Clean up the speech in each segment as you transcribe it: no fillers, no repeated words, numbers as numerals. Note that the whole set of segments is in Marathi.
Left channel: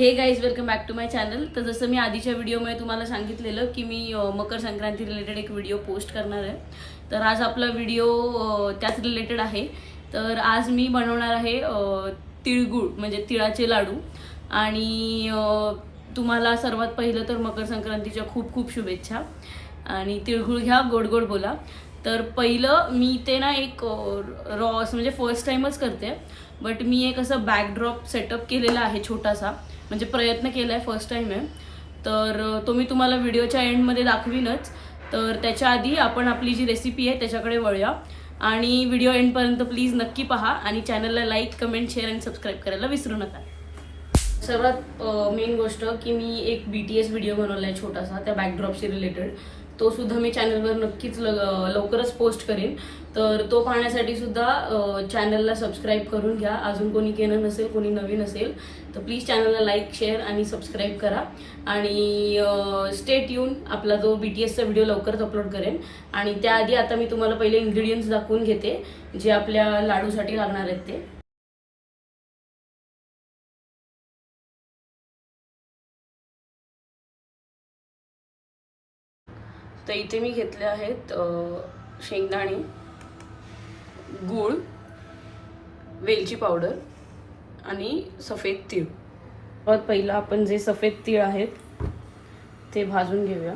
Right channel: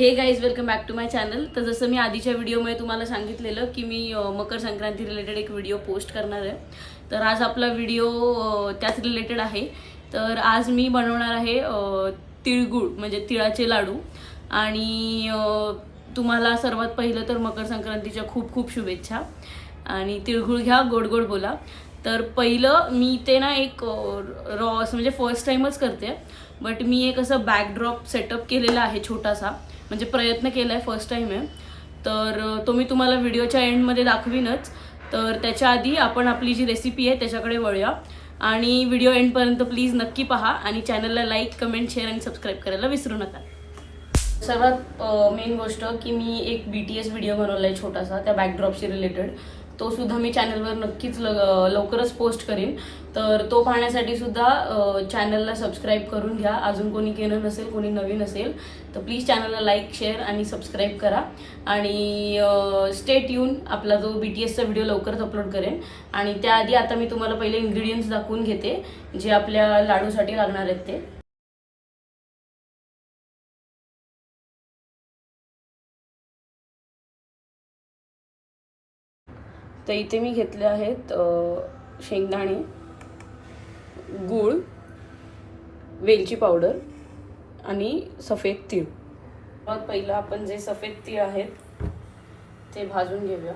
हे guys welcome back to my channel. तर जसं मी आधीच्या व्हिडिओमध्ये तुम्हाला सांगितलेलं की मी मकर संक्रांती रिलेटेड एक व्हिडिओ पोस्ट करणार आहे, तर आज आपला व्हिडिओ त्याच रिलेटेड आहे। तर आज मी बनवणार आहे तिळगुळ म्हणजे तिळाचे लाडू। आणि तुम्हाला सर्वात पहिलं तर मकर संक्रांतीच्या खूप खूप शुभेच्छा आणि तिळगुळ घ्या, गोड गोड बोला। तर पहिलं मी ते ना एक रॉस म्हणजे फर्स्ट टाइमच करते, बट मी एक असं बॅकड्रॉप सेटअप केलेला आहे छोटासा, म्हणजे प्रयत्न केला आहे, फर्स्ट टाइम आहे। तर तो मी तुम्हाला व्हिडिओच्या एंडमध्ये दाखवीनच। तर त्याच्या आधी आपण आपली जी रेसिपी आहे त्याच्याकडे वळूया आणि व्हिडिओ एंडपर्यंत प्लीज नक्की पहा आणि चॅनलला लाईक, कमेंट, शेअर आणि सबस्क्राईब करायला विसरू नका। सर्वात मेन गोष्ट की मी एक BTS व्हिडिओ बनवला आहे छोटासा त्या बॅकड्रॉपशी रिलेटेड, तो सुद्धा मी चॅनलवर नक्कीच लवकरच पोस्ट करीन। तर तो पाहण्यासाठी सुद्धा चॅनलला सबस्क्राईब करून घ्या। अजून कोणी केलं नसेल, कोणी नवीन असेल तर प्लीज चॅनलला लाईक, शेअर आणि सबस्क्राईब करा आणि स्टे ट्यून। आपला जो BTSचा व्हिडिओ लवकरच अपलोड करेन। आणि त्याआधी आता मी तुम्हाला पहिले इन्ग्रेडियंट्स दाखवून घेते जे आपल्या लाडूसाठी लागणार आहेत ते। तर इथे मी घेतले आहेत शेंगदाणे, गूळ, वेलची पावडर आणि सफेद तीळ। सर्वात पहिलं आपण जे सफेद तीळ आहेत ते भाजून घेऊया।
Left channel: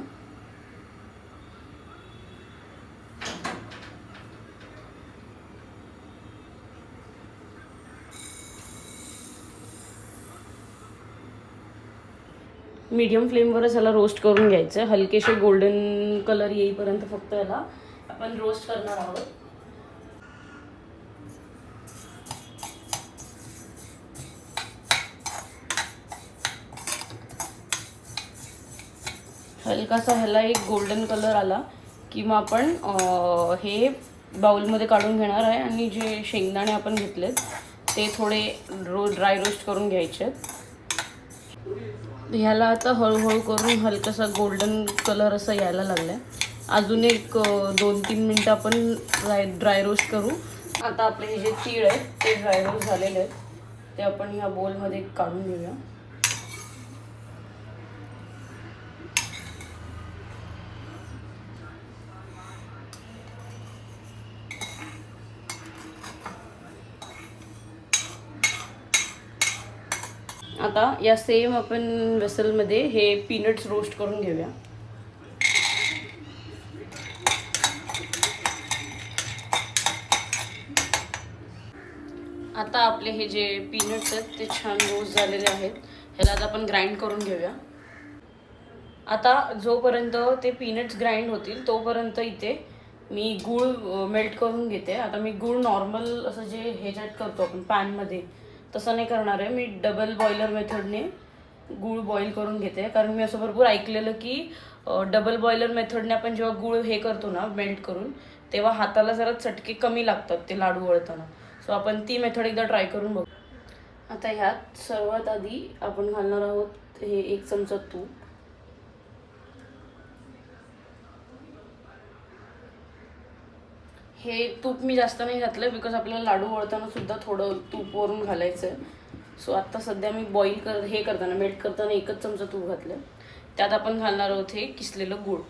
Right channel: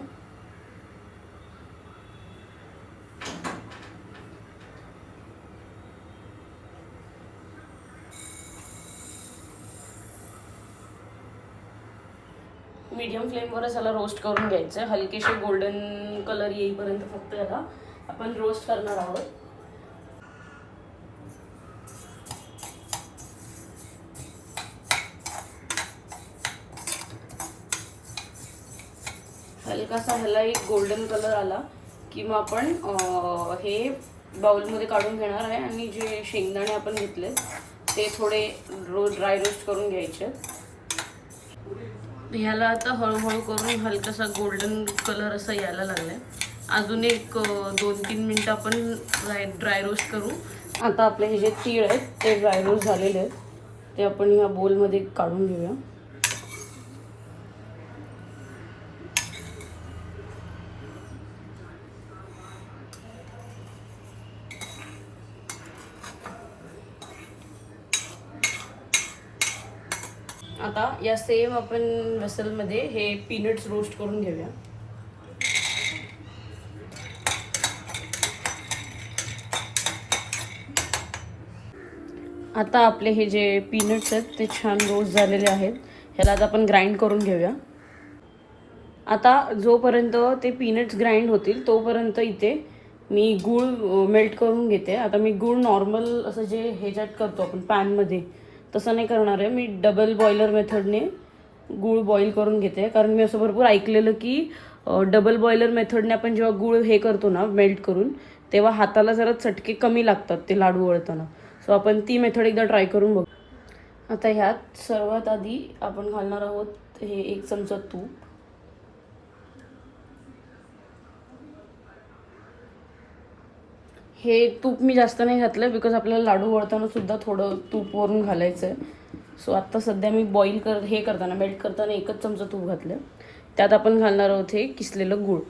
मीडियम फ्लेमवरच याला रोस्ट करून घ्यायचं, हलकेसे गोल्डन कलर येईपर्यंत फक्त याला आपण रोस्ट करणार आहोत। हलकासा ह्याला एक गोल्डन कलर आला की मग आपण हे बाउलमध्ये काढून घेणार आहे आणि जे शेंगदाणे आपण घेतलेत ते थोडे ड्राय रोस्ट करून घ्यायचे। ह्याला आता हळूहळू करून हलकासा गोल्डन कलर असा यायला लागलाय। अजून एक 2-3 मिनटं आपण ड्राय रोस्ट करू। आता आपले हे जे तीळ आहेत ते ड्राय रोस्ट झालेले आहेत, ते आपण या बोलमध्ये काढून घेऊया। आता या सेम आपण वेसलमध्ये हे पीनट्स रोस्ट करून घेऊया। आता आपले हे जे पीनट्स आहेत ते छान रोस्ट झालेले आहेत, ह्याला आता आपण ग्राइंड करून घेऊया। आता जोपर्यंत ते पीनट्स ग्राइंड होतील तोपर्यंत इथे मी गूळ मेल्ट करून घेते। आता मी गूळ नॉर्मल असं जे ह्याच्यात करतो आपण पॅनमध्ये तसं नाही करणार आहे, मी डबल बॉयलर मेथडने गूळ बॉईल करून घेते। कारण मी असं भरपूर ऐकलेलं की डबल बॉयलर मेथडने आपण जेव्हा गूळ हे करतो ना मेल्ट करून, तेव्हा हाताला जरा चटके कमी लागतात ते लाडू वळताना। सो आपण ती मेथड एकदा ट्राय करून बघू। आता ह्यात सर्वात आधी आपण घालणार आहोत हे 1 चमचा तूप। हे तूप मी जास्त नाही घातलं बिकॉज आपल्याला लाडू वळताना सुद्धा थोडं तूप वरून घालायचं आहे। सो आता सध्या मी हे करताना मेल्ट करताना 1च चमचा तूप घातलं। त्यात आपण घालणार आहोत हे किसलेलं गूळ।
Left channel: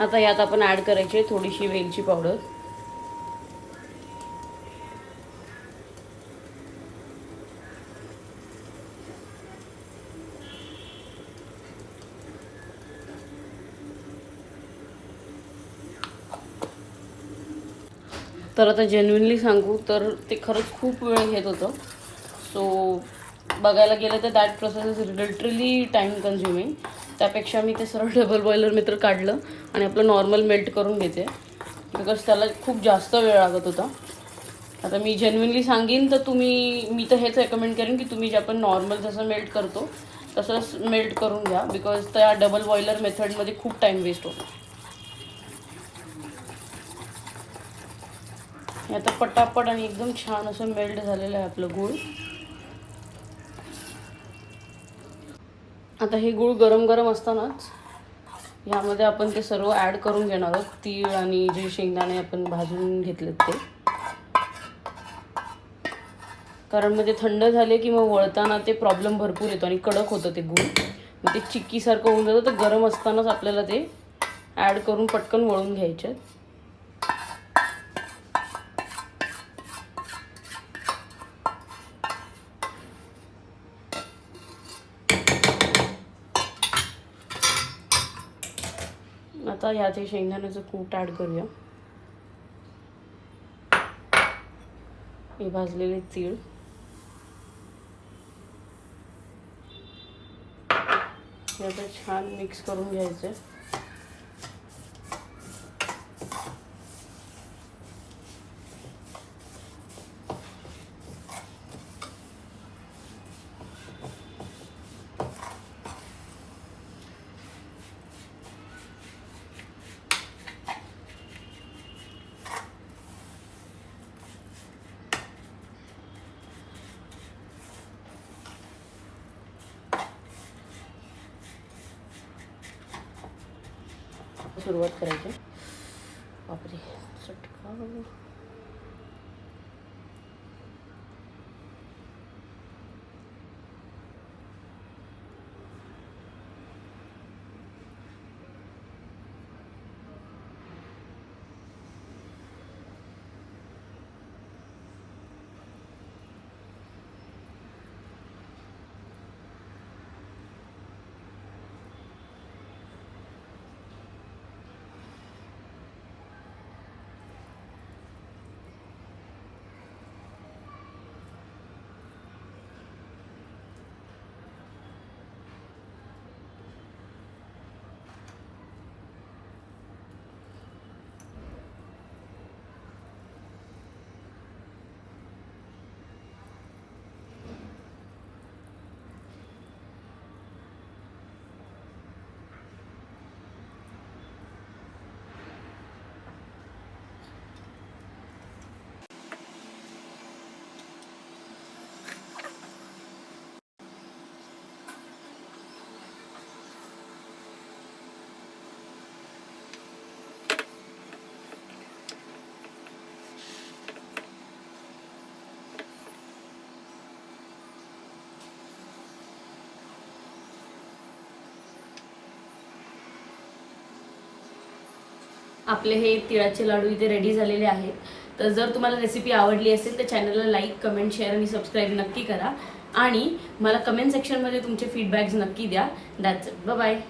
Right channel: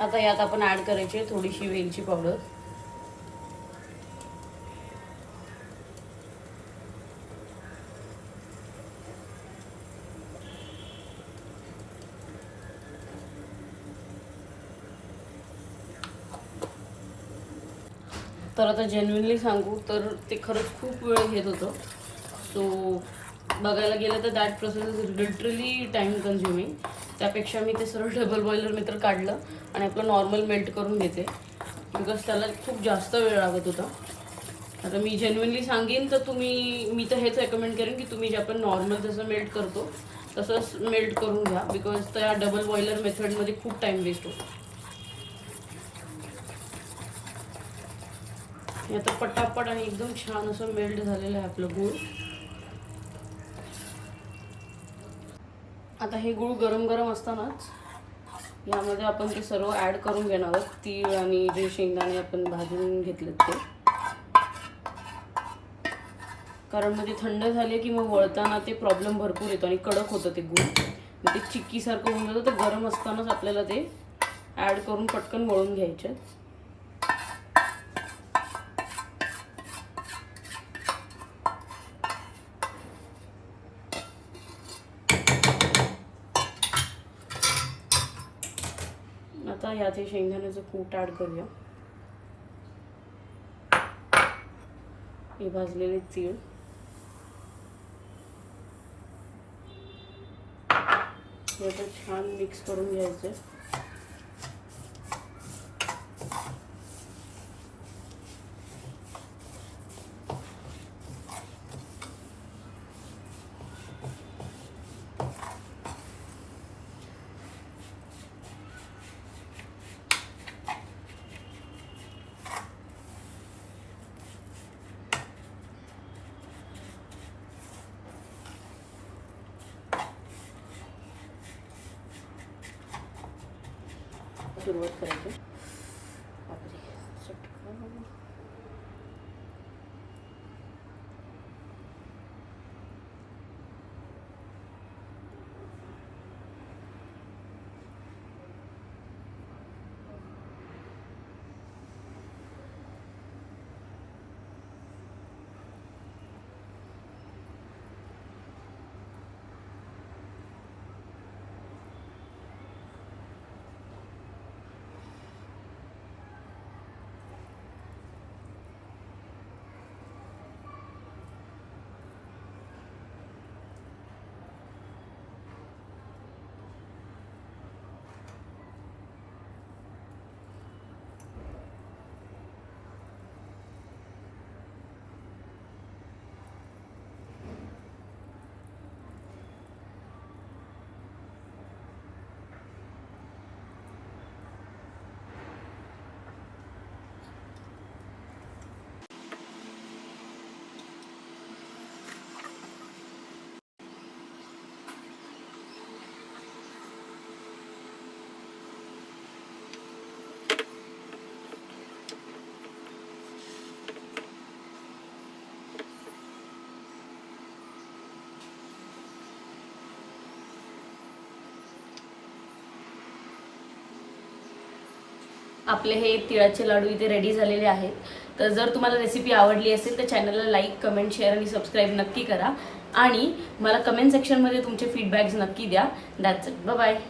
आता यात आपण ऍड करायची थोडीशी वेलची पावडर, तर आता जेन्युइनली सांगू तर ते खरंच खूप वेळ घेत होतं। सो बघायला गेलं तर that process is literally time consuming. त्यापेक्षा मी ते सरळ डबल बॉयलर मेथड काढलं आणि आपलं नॉर्मल मेल्ट करून घेते बिकॉज त्याला खूप जास्त वेळ लागत होता। आता मी जेन्युइनली सांगेन तर मी तर हेच रेकमेंड करेन की तुम्ही जे आपण नॉर्मल जसं मेल्ट करतो तसंच मेल्ट करून घ्या बिकॉज त्या डबल बॉयलर मेथडमध्ये खूप टाईम वेस्ट होतो। आता पटापट आणि एकदम छान असं मेल्ट झालेलं आहे आपलं गूळ। आता हे गूळ गरम गरम असतानाच यामध्ये आपण ते सर्व ॲड करून घेणार आहोत, तीळ आणि जे शेंगदाणे आपण भाजून घेतलेत ते। कारण मग ते थंड झाले की मग वळताना ते प्रॉब्लेम भरपूर येतो आणि कडक होतं ते गूळ, मग ते चिक्कीसारखं होऊन जातं. तर गरम असतानाच आपल्याला ते ॲड करून पटकन वळून घ्यायचे. आता ह्यात हे शेंगदाण्याचं कूट ॲड करूया. हे भाजलेले तीळ, हे आता छान मिक्स करून घ्यायचं. सुरुवात करायची. बापरे, चटका. आपले हे तिळाचे लाडू इथे रेडी झालेले आहेत. तर जर तुम्हाला रेसिपी आवडली असेल तर चॅनलला लाईक, कमेंट, शेअर आणि सबस्क्राईब नक्की करा आणि मला कमेंट सेक्शनमध्ये तुमचे फीडबॅक्स नक्की द्या. That's it. Bye bye.